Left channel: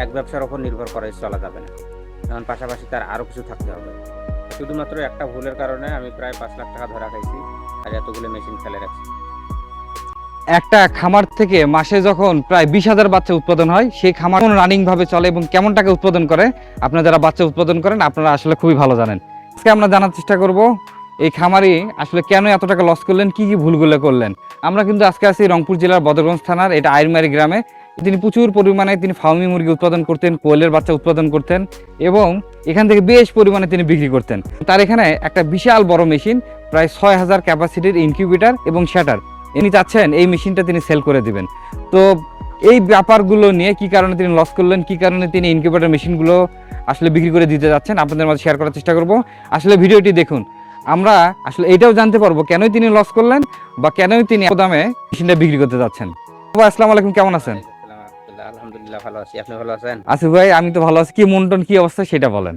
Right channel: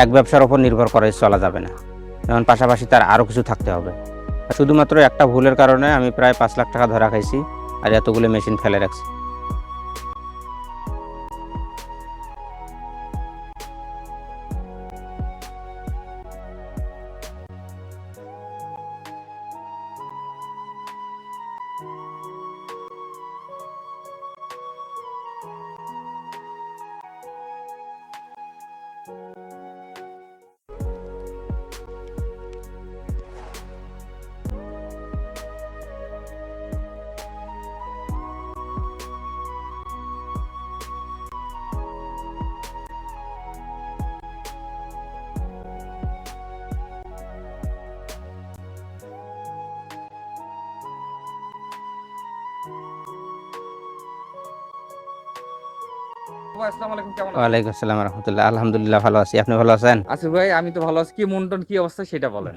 এক ব্যবসার উপর নির্ভর করে চলা যাবে না, যেমন পাশাপাশি তার আরও কিছু থাকতে হবে। শুধুমাত্র একটা ভুলের কারণে আমি প্রায় 5 লাখ টাকা ধরা খাইছি আর এতগুলো মেশিন ফেলে রাখছি। একটা খামার থেকে মাসে যখন প্রায় 20,000 বাচ্চা উৎপাদন হয়, সেই খামার রানিং ভাবে চলে এবং কেমন টাকা উৎপাদন করে, আপনারা যারা বাচ্চা উৎপাদন করেন আপনারা আসলে খুবই ভালো জানেন। আজকে আমরা জানার চেষ্টা করব এই খামারি আসলে কেন এত টাকা লস করলেন, কি কি ভুলগুলো করলেন। আমরা কিন্তু আজকে আছি রংপুর জেলার বদরগঞ্জ থানার এটা আইরমারি গ্রামে। তিনি প্রচুর পরিমাণে ফার্মি মুরগি উৎপাদন করতেন, কোয়েলের বাচ্চা উৎপাদন করতেন এবং এখান থেকে বেশ পরিমাণে তিনি বিক্রি করতেন। তার এখানে একটা বিশাল বড় মেশিন, প্রায় 6,000 ক্যাপাসিটির ইনকিউবেটর এবং শ্যাটার, ইনি চাচ্ছেন এই মেশিনটা তিনি সেল করে দিবেন। তো এই ব্যাপারগুলো নিয়ে কি কারণে তিনি লস করলেন, কি কারণে তিনি ইনকিউবেটর মেশিনগুলো আসলে বিক্রি করে দিতে যাচ্ছেন, আপনাদের মাঝে শেয়ার করার চেষ্টা করব। আসলে ভিডিওটি দেখুন, আমরা আসলে এটাও জানতে পারবো কেনই তিনি লস করলেন বা কেনই তিনি এত দামে মেশিনটা বিক্রি করতে যাচ্ছেন। আসসালামু আলাইকুম, কেমন আছেন? ওয়ালাইকুম আসসালাম রহমতুল্লাহ। আলহামদুলিল্লাহ ভালো আছি, আপনি ভালো আছেন? আসিফ ভাই, আমি তো ভালো আছি। কি মন্টন, কি অবস্থা সেটা বলেন।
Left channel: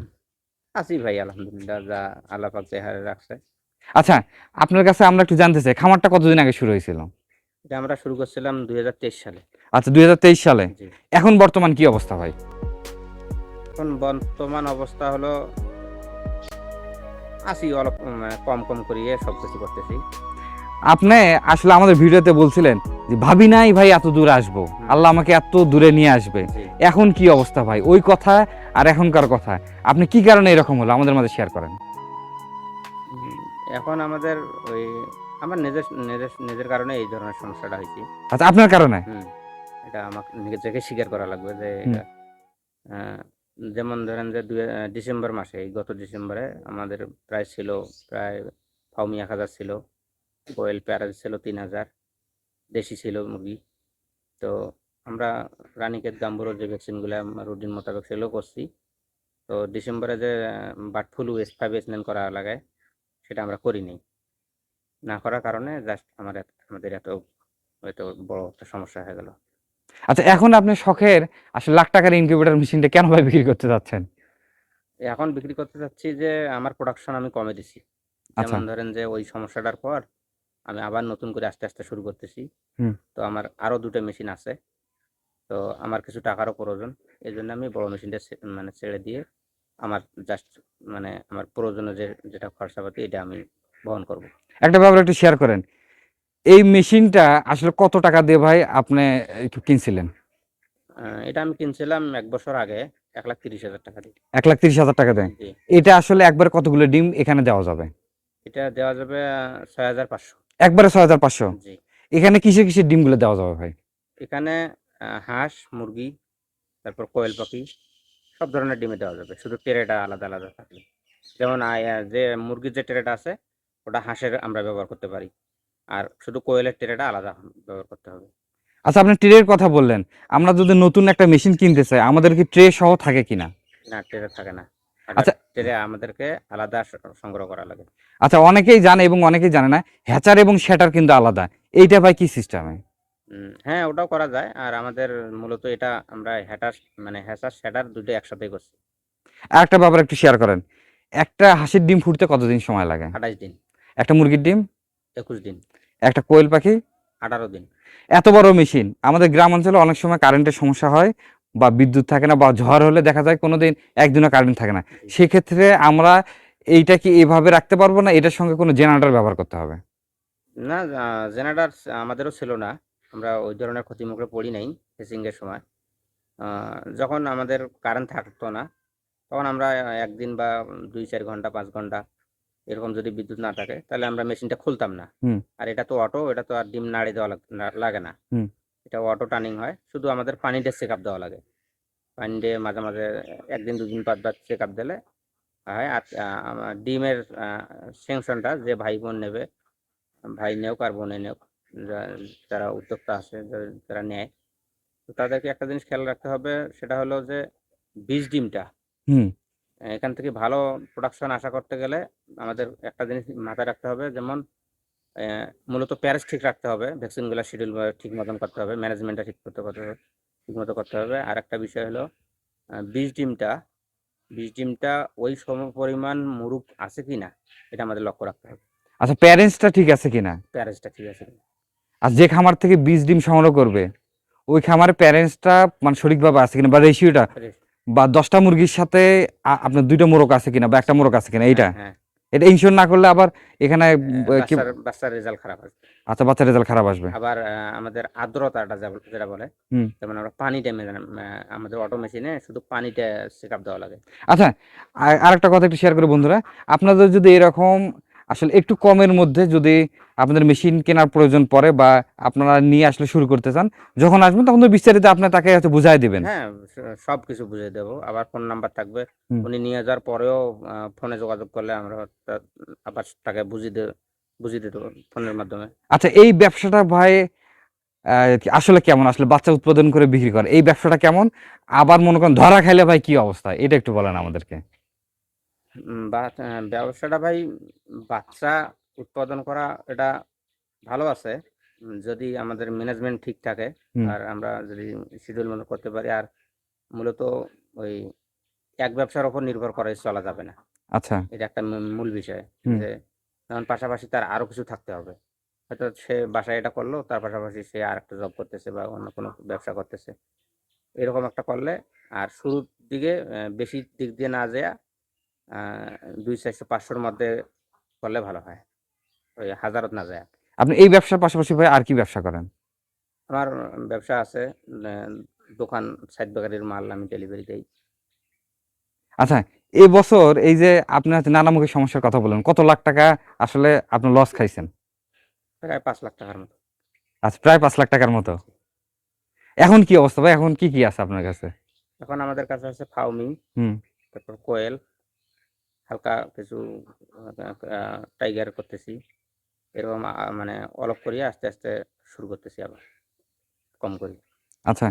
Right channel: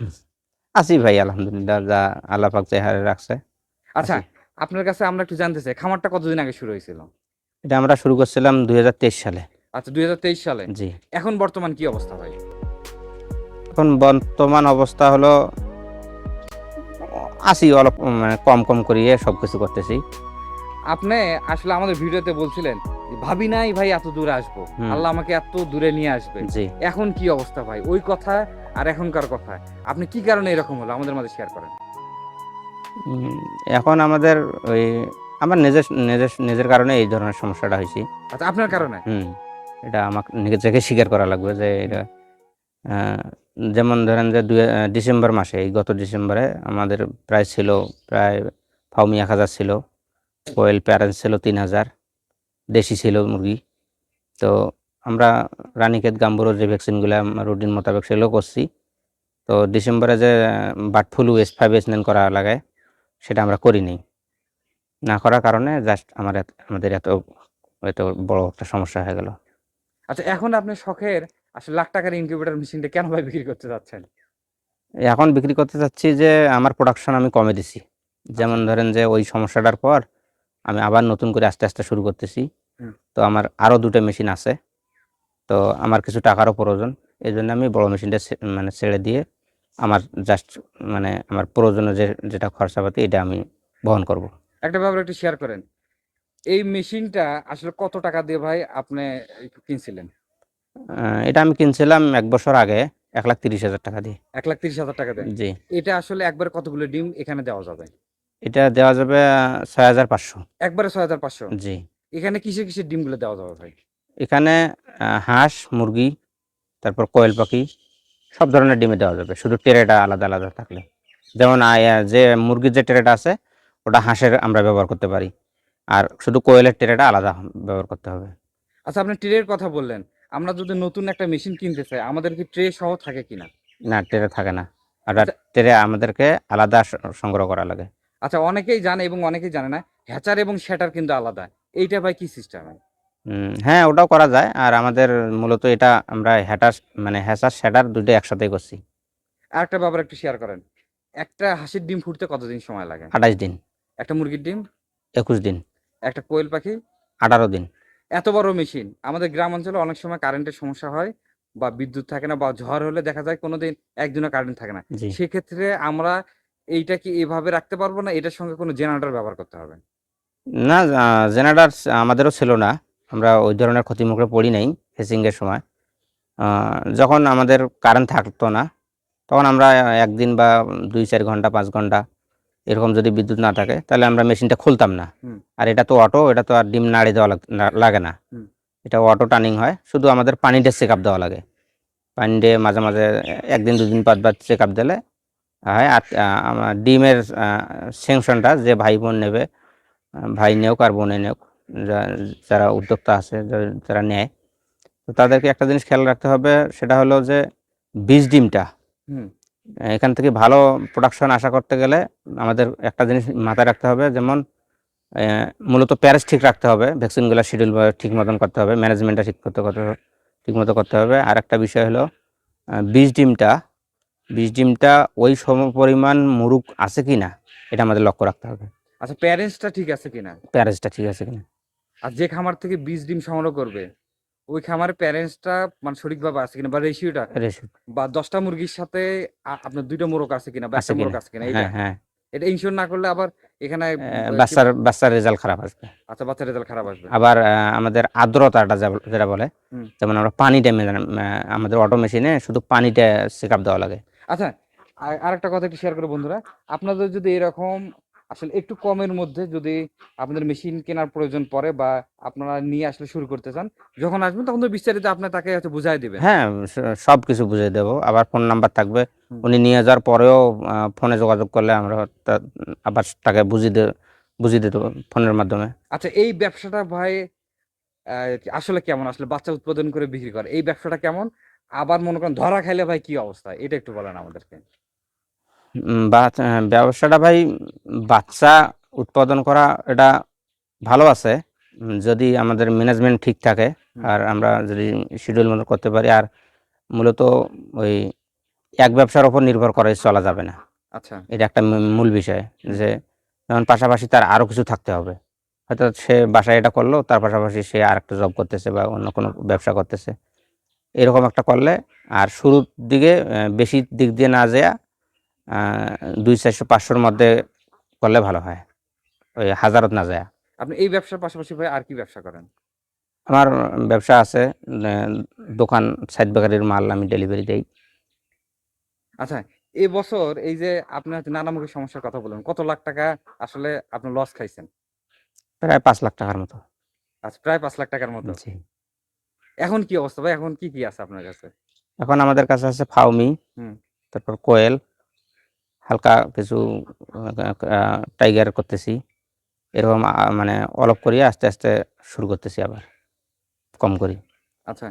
আছি ভাই আলহামদুলিল্লাহ, যা আল্লাহ পাক যে হারে রাখছে। আচ্ছা, আপনার কাছে আমরা একটু জানতে চাই, খামারটা কতদিন আগে শুরু হয়েছিল? এটা আমরা শুরু করছিলাম 2023 সালে। আচ্ছা, 2023 সালে। জি। এখন বর্তমান কি অবস্থা ভাই? এখন বর্তমান অবস্থা হলো আছি অল্প, মানে কম কম করিয়ে সবকিছু করতেছি। আপনি আসলে আমাদের ভিডিওতে বলছিলেন যে ভাবি নাই ভাই এত দূরে আসবো, আল্লাহ আমাকে এত দূরে নিয়ে আসবে। জি। এখন কি অবস্থা ভাই, ওই কথা আর এখনকার কথা, আপনি কি কারণে এরকম হলো আমাদের মাঝে শেয়ার করেন। এখন আমাদের ওই আমার নিজের নিজের নিজের কারণে এই ধরনের সমস্যাটা হয়েছে। আচ্ছা, আপনার কারণে? এটা আমাকে নিজেকে স্বীকার করা লাগবে যে এটা আহ, যেমন ধরেন যে ডিসেম্বর মাসে, এই গত ডিসেম্বরে আমাদের প্রায় ছিল প্রায় ফাউমি 1,000 ছিল, কোয়েল প্যারেন্টস ছিল 3,000, দেশি ছিল মুরগি। তো আমরা রানীক্ষেত গাম্বুরো যে ভ্যাকসিনগুলো রুটিন মোতাবেক সেগুলো করছি। তো ডিসেম্বরে যে বার্ড ফ্লু S5 S9 করা লাগে সেটা আমরা করিনি। না করার কারণে জাস্ট আমাদের এত এত বড় একটা সমস্যা হয়ে গেল। আচ্ছা, এখন আপনি শখের আসলে লাখ টাকার ইনকিউবেটর মেশিনটা কেন ভাই বিক্রি করতে যাচ্ছেন? এখন বিক্রি করতে চাচ্ছি যে আমার প্রোডাকশন আমি কমে দিছি। আচ্ছা। যেমন ধরেন যে ওই সমস্যাটার পর আমি আবার নতুন করে আস্তে আস্তে শুরু করতেছি। হুম। তো আমার আরও 2টা মেশিন আছে। তো আমার কিছু টাকারও প্রয়োজন। এজন্য আমি বড় মেশিনটা মানে ছেড়ে দিয়ে আমার জাস্ট মানে আমার প্রয়োজনীয় যেটা খরচাপাতি এটা আমি বহন করব। একটা ব্যাপার একটু শেয়ার করেন, এই মেশিনটা আসলে কত টাকা দিয়ে ভাই আপনি একটু কিনছিলেন? এটা আমি কিনছিলাম 1 বছর আগে 1,30,000 টাকা দিয়ে। 1,30,000 টাকা দেন? জি। এটা আসলে একবার কতগুলো ডিম এখানে দেওয়া যাবে? এটা দেওয়া যাবে 6,500। একবারে 6,500? জি। এখানে কিসের কিসের ডিমগুলো দেওয়া যাবে ভাই? এখানে হাঁস, মুরগি, তারপর কোয়েল পাখি সব ধরনের ডিমে দেওয়া যাবে। শুধু ট্রেটা আলাদা আলাদা থাকলে। যেমন যে মুরগির যে ট্রেটা আছে ওটা হাঁসের আমরা ব্যবহার করতে পারি। আর শুধু কোয়েলের ট্রেটা আলাদা ব্যবহার করতে হবে। আচ্ছা, আপনি ট্রের কথা বললেন, আমরা যদি নতুন একটা মেশিন কিনতে চাই আমাদের কি ট্রে সহ থাকে কিনা? না, ট্রে থাকে না। আর আচ্ছা। ট্রে আমাদেরকে আলাদা সংগ্রহ করা লাগে। আচ্ছা, অনেকেই জানে এবং অনেকেই জানে না, হ্যাচার এবং শ্যাটার কিন্তু আলাদা। এইটা ভাই কি সিস্টেমে? হ্যাঁ, ওটাও করা যায়। আর আমাদের মূলত এটা আমরা হ্যাচার শ্যাডার 2টা একসাথেই করছি। আরেকটা ব্যাপার একটু শেয়ার করেন, একটা হাঁসের ডিম ফুটতে কতদিন সময় লাগে? 28 দিন। একটা মুরগির ডিম? 21 দিন। একটা কোয়েল পাখি? 18 দিন। এত বড় মেশিন, আমাদের গ্রাম অঞ্চলে অনেক সময় কারেন্টের সমস্যা হয় বা বিদ্যুৎ থাকে না বা ঝড় হলে দেখা যায় কোনোদিন একদিনও কারেন্ট থাকে না। জি। সেক্ষেত্রে আমরা এইটা কি এভাবে রাখতে পারবো না, এটার সঙ্গে কোনো জেনারেটর ব্যবহার করতে হবে? না, জেনারেটর আমাদেরও ছিল না। আমরা ওই ধরনের ক্ষতির মুখে পড়ি নাই হেচিংয়ের সময়। যখন আমাদের কারেন্ট থাকতো না তখন আমরা 1 দিন বা 2-4 ঘন্টা 5 ঘন্টা এরকম যদি বিদ্যুৎ না থাকে তাহলে আমরা মেশিনটা খুলতাম না। হুম। আর এটা তো অটো, এটা তো আর ডিম নাড়ি দেওয়া লাগে না। হুম। এটা অটো টার্নিং হয়। শুধু আমাদের পানিটা চেকআপ দেওয়া লাগে। পানি দিয়ে মাঝে মাঝে 1 দিন 2 দিন বাদ চেকআপ দিলে হয়। আর আমার ডিমের সেকশনটা যে ভাই বোন নেবে, ভাই নেওক আর বোনে নেওক, যারা উদ্যোক্তা আছে যারা নেয়, তো তাদেরকে একটা জিনিস খেয়াল রাখতে হবে, সেটা হলো যে বীজ ডিমটা হুম। এখান থেকে ভালো প্রোডাকশন আশা করতে গেলে আমাদের একটা জিনিস মাথায় রাখতে হবে, যেমন মূলত প্যারেজ ঠিক রাখতে হবে, ভ্যাকসিনগুলো শিডিউল ঠিক মতন করতে হবে, ম্যানেজমেন্টটা ঠিক মতো করতে হবে। আর একটা বিষয় হলো বীজ ডিমটা বীজ ডিমটা ওই সম পরিমাণ মুরুগ আছে কিনা এটা আমাদের লক্ষ্য রাখতে হবে। আচ্ছা, প্যারেন্টসটা ঠিক আছে কিনা? প্যারেজটা ঠিক আছে কিনা। আর যে খামার থেকে বীজ ডিম সংগ্রহ করবে ওই খামারের প্যারেন্টসটা মানে সঠিকভাবে আছে কিনা, বা রেশিওটা, রেশু বা 10টা মুরগির সাথে আপনার 2টা মোরগ আছে কিনা বা আছে একটা মোরগ কিনা। আছে কিনা, হ্যাঁ, এইটা হ্যাঁ। এটা ইনশিওর না করলে আবার এখানে বাচ্চার রেজাল্ট খারাপ আসবে। আচ্ছা, বাচ্চার রেজাল্ট খারাপ আসবে। আবার আমাদের আর্দ্রতাটা যেটা বলে, হুম। যেমন আমরা পানিটা আমাদের অটো মেশিনে শুধু পানিটা চেকআপ দেওয়া লাগে। আচ্ছা, আরেকটা কথা একটু শেয়ার করি বন্ধুরা, আপনাদের যদি এরকম আসলে একটু কমের মধ্যে যদি আপনাদের মেশিন কেনার প্রয়োজন পড়ে বা আপনারা নিয়ে আসলে শুরু করতে চান, যখন আসবেন তখন তো বিস্তারিত আপনি তাকে হয়তো বুঝাই দিবেন। হ্যাঁ, সব কিছু বুঝিয়ে দেবো। আবার ফোন নাম্বার থাকবে। হুম। উনি নিয়ে যাওয়ার পরেও ফোনে যোগাযোগ করলে আমরা আবার তাকে বুঝিয়ে দিয়ে দেবো ফোনের মাধ্যমে। আচ্ছা, এই ব্যবসাটা ভাই আসলে কেমন, আসলে বাচ্চা উৎপাদন করে বিক্রি করে এই ব্যবসাটা কেমন, আবার মনে করেন ধরা খাইলে ভাই কি অবস্থা, এটা একটু বলেন আমাদেরকে। ব্যবসাটা ভাই, বাচ্চা উৎপাদন করা এটা ভালো আছে, যদি আমাদের ম্যানেজমেন্ট ঠিক থাকে হুম। আর আমরা যদি শিডিউল মতো করতে পারি। আর মূলত ওই এক ব্যবসার উপর নির্ভর করে চলা যাবে না। আচ্ছা। এটা একটা মূল বিষয়, হুম। যে যেমন পাশাপাশি তার আরো কিছু থাকতে হবে। হয়তো সে বাসায় এটা করলো, তার পাশাপাশি সে আরেকটা জব করতেছে বা অন্য কোনো ব্যবসা করতেছে, এরকম একটা করলে। আর শুরুর দিকে বেশি দিক দিয়ে না যেয়া 200-400-500-র মধ্যে করলে ভালো হয়, ওই হাজারত না যায়। আপনি এই ব্যবসার পাশাপাশি ভাই আর কি ব্যবসা করেন? আমার ব্যবসা আছে, দোকান, সাইড বেকারির মাল আমি ডেলিভারি দেই। আচ্ছা, এবছর এই যে আপনি হচ্ছে নানামুখী সমস্যার কথা বললেন, কত লাখ টাকা আসলে আপনি লস খাইছেন? প্রায় 5 লাখ টাকার মতো। আচ্ছা, প্রায় 5 লাখ টাকার মতো। জি। এখন কি অবস্থা ভাই, এখন কি কি আছে আপনার কাছে? এখন আমাদের কাছে আছে ফাউমি, হুম। তারপর কোয়েল, হালকা কিছু টাইগার করতেছি। এরকম মানে অলপ করিয়ে আস্তে আস্তে শুরু করতেছি, আবার কম করি। আচ্ছা,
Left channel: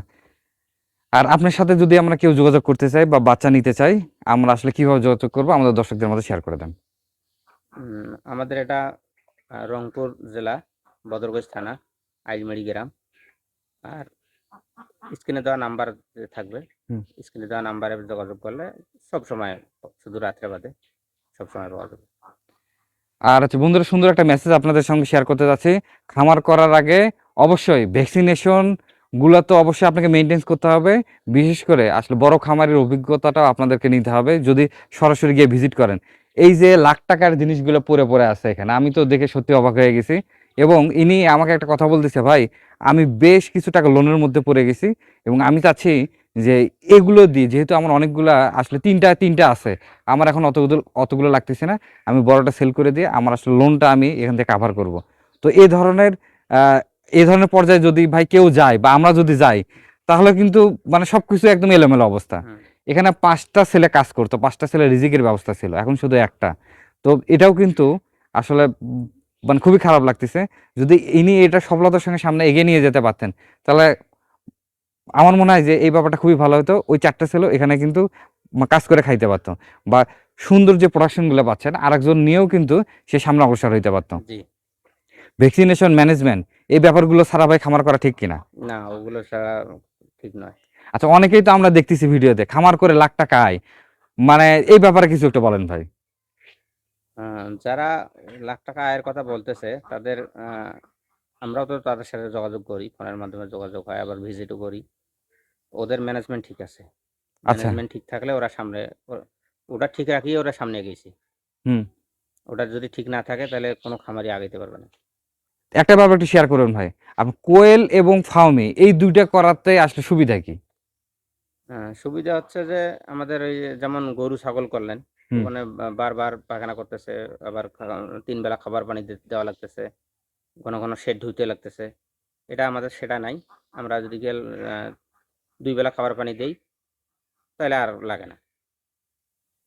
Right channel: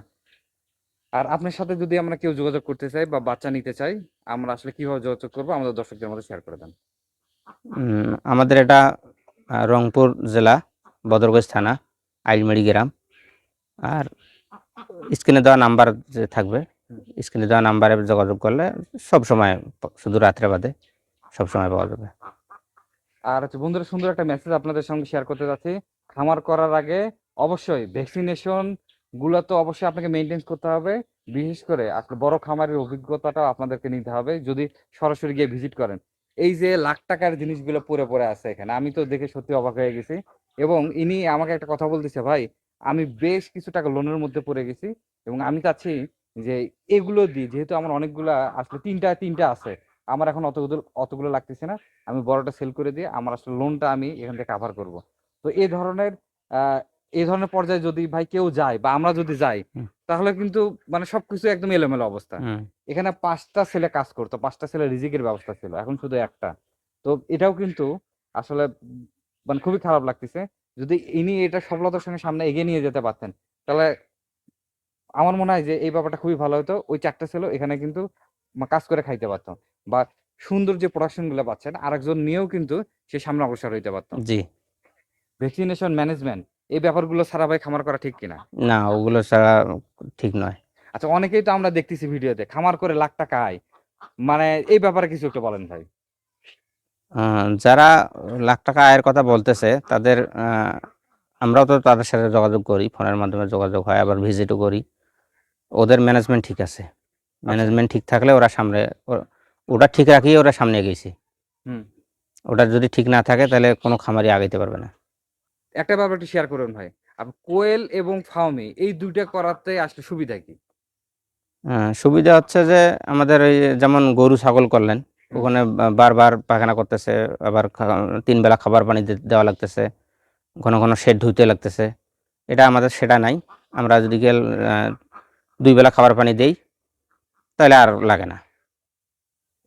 আর আপনার সাথে যদি আমরা কেউ যোগাযোগ করতে চাই বা বাচ্চা নিতে চাই, আমরা আসলে কিভাবে যোগাযোগ করবো আমাদের দর্শকদের মধ্যে শেয়ার করে দেন। আমাদের এটা রংপুর জেলা, বদরগঞ্জ থানা, আইলমারি গ্রাম। আর স্ক্রিনে দেওয়া নাম্বার যে থাকবে, হুম। স্ক্রিনে দেওয়া নাম্বারে যোগাযোগ করলে সব সময়, শুধু রাত্রে বাদে সব সময় পাওয়া যাবে। আর হচ্ছে বন্ধুরা, সুন্দর একটা মেসেজ আপনাদের সঙ্গে শেয়ার করতে যাচ্ছি। খামার করার আগে অবশ্যই ভ্যাকসিনেশন গুলো তো অবশ্যই আপনাকে মেনটেন করতে হবে। বিশেষ করে আসলে বড় খামারের অভিজ্ঞতাটাও আপনাদেরকে নিতে হবে যদি সরাসরি গিয়ে ভিজিট করেন। এই যে লাখ টাকার জিনিসগুলো পড়ে পড়ে আছে এখানে, আমি তো দেখে সত্যি অবাক হয়ে গেছি। এবং ইনি আমাকে একটা কথা বলতেছে, ভাই আমি বেশ কিছু টাকা লোনের মধ্যে পড়ে গেছি এবং আমি চাচ্ছি যে এগুলো দিয়ে, যেহেতু আমার অনেকগুলা আসলে তিনটা তিনটা আছে, আমার এখন অতগুলো অতগুলো লাগতেছে না, আমি বড়টা সেল করে দিয়ে আমার আসলে লোনটা আমি এখান থেকে কাভার করব। তো আহ, এই ধরনের পর্যায়ে যদি ভাই কেউ যায় বা আমরা যদি যাই, হুম, তাহলে কিন্তু মানে সবকিছু একদম এলোমেলো অবস্থা। হুম, এখানে 5টা ছেলে কাজ করতো, 5টা ছেলে রিজিকের ব্যবস্থা ছিল, এখন শুধু একটা। তো এটাও কিন্তু আসলে মানে খুবই খারাপ লাগতেছে। যদি ইনি এটা সফলতার সঙ্গে সামনে এগিয়ে নিয়ে যেতে পারতেন, তাহলে আমার মনে হয় যে এই ব্যাপারটা খুবই ভালো হতো। ওই 4টা ছেলে এখানে কিন্তু কাজ করে খাইতে পারতো, বা সুন্দর যে প্রোডাকশন গুলো পাচ্ছেন আরেকজন নিয়েও কিন্তু সে সামনে অগ্রসর হইতে পারতো। জি। ভ্যাকসিনেশন ম্যানেজমেন্ট এই ব্যাপারগুলো ছাড়া ভাই খামার করা ঠিক কিনা? না, ওগুলো ছাড়া ঠিক নয়। আচ্ছা, অনেকেই তো আমরা দেখতেছি ভিডিওতে খামার করে লাখ টাকা আয়, মানে এই ব্যাপারে কিছু একটু বলেন ভাই। যারা লাখ টাকা আয়ের কথা বলতেছে, তাদের আমরাও তো তাদের সাথে যোগাযোগ করি, ফোনের মাধ্যমে যোগাযোগ হয়, আবার ভিজিটও করি। ওদের ম্যানেজমেন্ট ঠিক আছে। আচ্ছা। ম্যানেজমেন্ট ঠিক থাকলে ওরা সামনে, ওটা ঠিক রাখিয়ে ওরা সামনে এগিয়েছে। হুম। ওটা যদি ঠিক না থাকে তাহলে কোনো খামারি আগাইতে পারবে না। একটা ব্যাপার একটু শেয়ার করুন ভাই, আপনি কোয়েল এবং ফার্মি এই দুইটা করাতে আসলে সুবিধা কি? সুবিধা হচ্ছে যে আমাদের ওই যেমন গরু ছাগল করলেন, হুম। ওখানে বারবার পায়খানা করতেছে, আবার 3 বেলা খাবার পানি দেওয়া লাগতেছে, ঘন ঘন শেড ধুইতে লাগতেছে। এটা আমাদের সেটা নাই। আমরা যদি 2 বেলা খাবার পানি দেই, তাহলে আর লাগে না।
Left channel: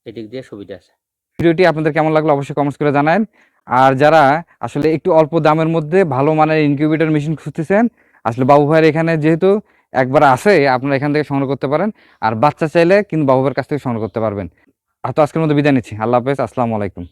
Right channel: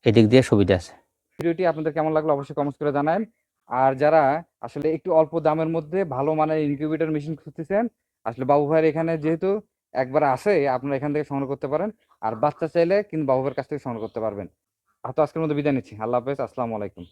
এদিক দিয়ে সুবিধা আছে। ভিডিওটি আপনাদের কেমন লাগলো অবশ্যই কমেন্টস করে জানান। আর যারা আসলে একটু অল্প দামের মধ্যে ভালো মানের ইনকিউবেটর মেশিন খুঁজতেছেন, আসলে বাবু ভাইয়ের এখানে যেহেতু একবার আছে, আপনারা এখান থেকে সংগ্রহ করতে পারেন। আর বাচ্চা চাইলে কিন্তু বাবু ভাইয়ের কাছ থেকে সংগ্রহ করতে পারবেন। আর তো আজকের মতো বিদায় নিচ্ছি। আল্লাহ হাফেজ, আসসালামু আলাইকুম।